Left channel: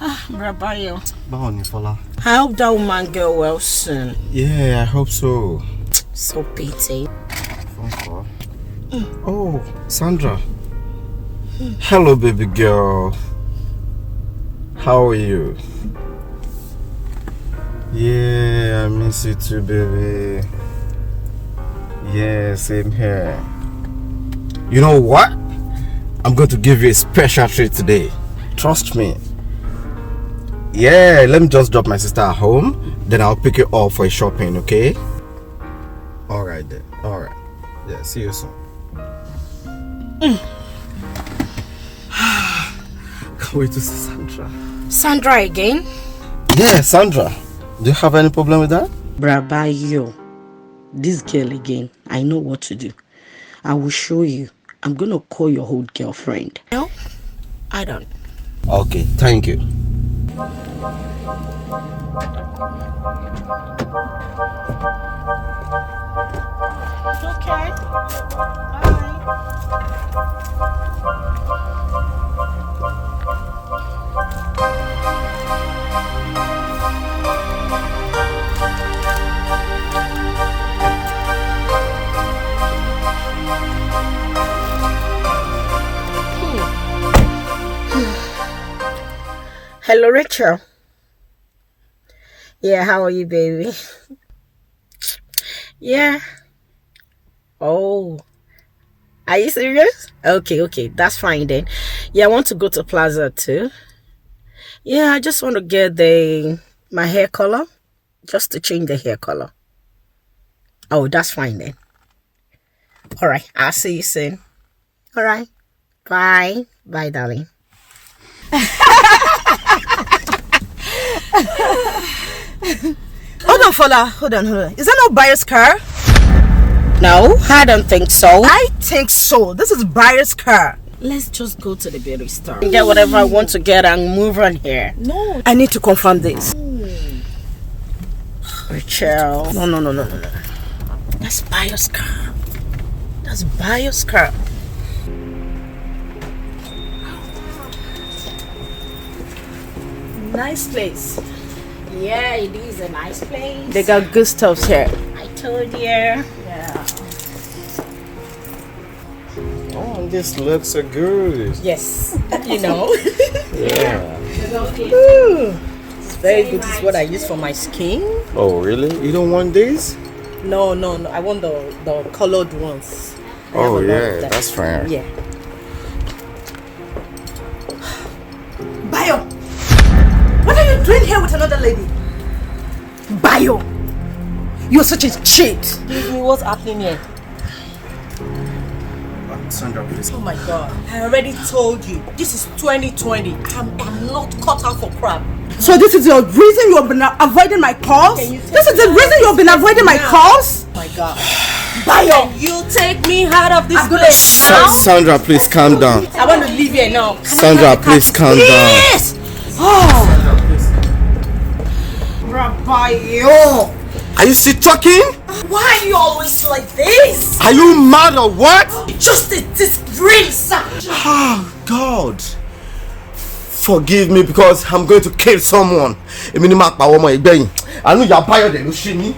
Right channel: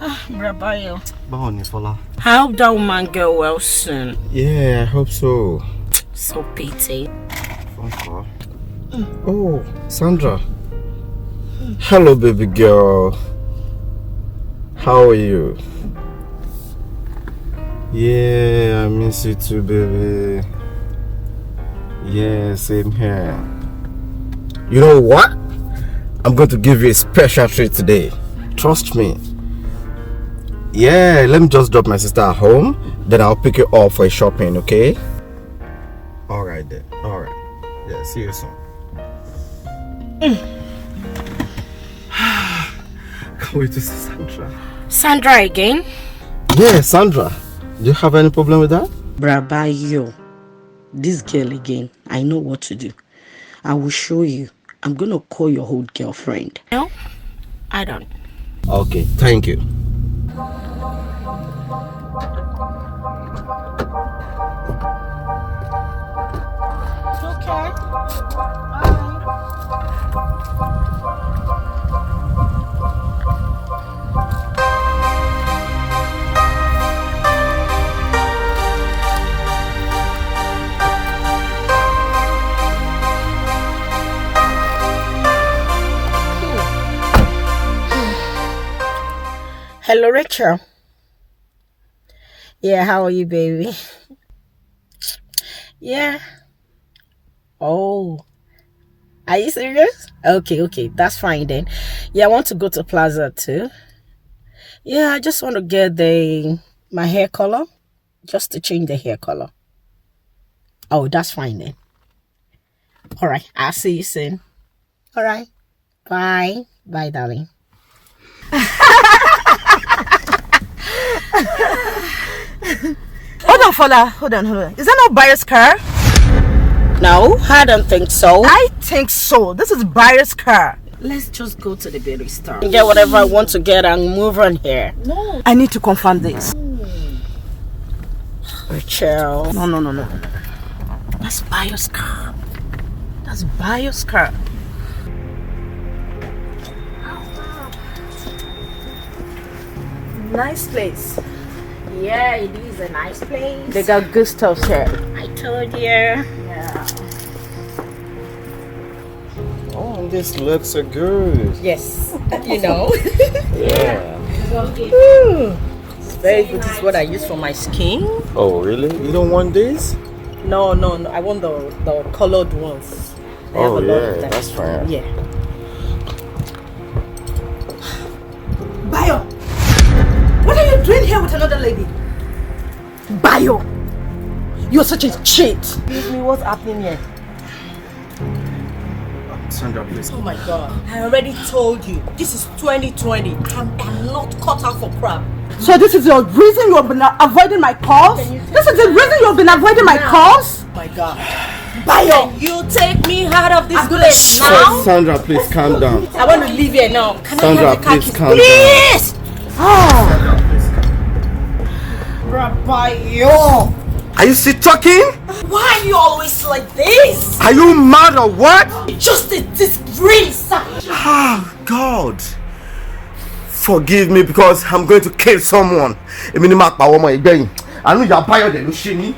Brabayo. Fola. I hope that woman get well soon. Yeah, I hope so. So pity. Phone call. Oh, Sandra. Hello, baby girl. How are you? Yeah, I miss you too, baby. Yeah, same here. You know what? I'm going to give you a special treat today. Trust me. Yeah, let me just drop my sister at home. Then I'll pick you up for a shopping, okay? Alright then. Alright. Yeah, see you soon. Can't wait to see Sandra. Sandra again? Yeah, Sandra. Do you have any problem with that? Brabayo. This girl again. I know what to do. I will show you. I'm going to call your old girlfriend. No, I don't. Okay, thank you. Okay. Hello, Rachel. Yeah, how are you, baby? Yeah. Oh. Are you serious? Okay, that's fine then. Yeah, I want to go to Plaza too. Yeah, I just want to get my hair color. Just to change the hair color. Oh, that's fine then. Alright, I'll see you soon. Alright. Bye. Bye, darling. Hold on, Fola. Hold on. Is that not Buyer's car? No, I don't think so. I think so. This is Buyer's car. Let's just go to the beauty store. Get whatever I want to get and move on here. No. I need to confirm this. Rachel. No. That's Buyer's car. That's Buyer's car. Nice place. Yeah, it is a nice place. They got good stuff here. I told you. Yeah. Oh, this looks so good. Yes. You know. Yeah. Ooh. It's very good. This is what I use for my skin. Oh, really? You don't want this? No. I want the colored ones. I have a lot of them. That's fair. Yeah. Bayo, what are you doing here with another lady? Bayo, you're such a cheat. What's happening here? Sandra, please. Oh my God! I already told you. This is 2020. I'm not cut out for crap. So this is the reason you have been avoiding my calls? This is the reason you have been avoiding my calls? Oh my God. Bayo, can you take me out of this place now? Sandra, please calm down. I want to leave here now. Sandra, please calm down. Please! Oh. Sandra, please calm down. Bayo! Are you still talking? Why are you always like this? Are you mad or what? Just a disgrace! Oh, God. Forgive me because I'm going to kill someone. I know you're Bayo, they will shoot me.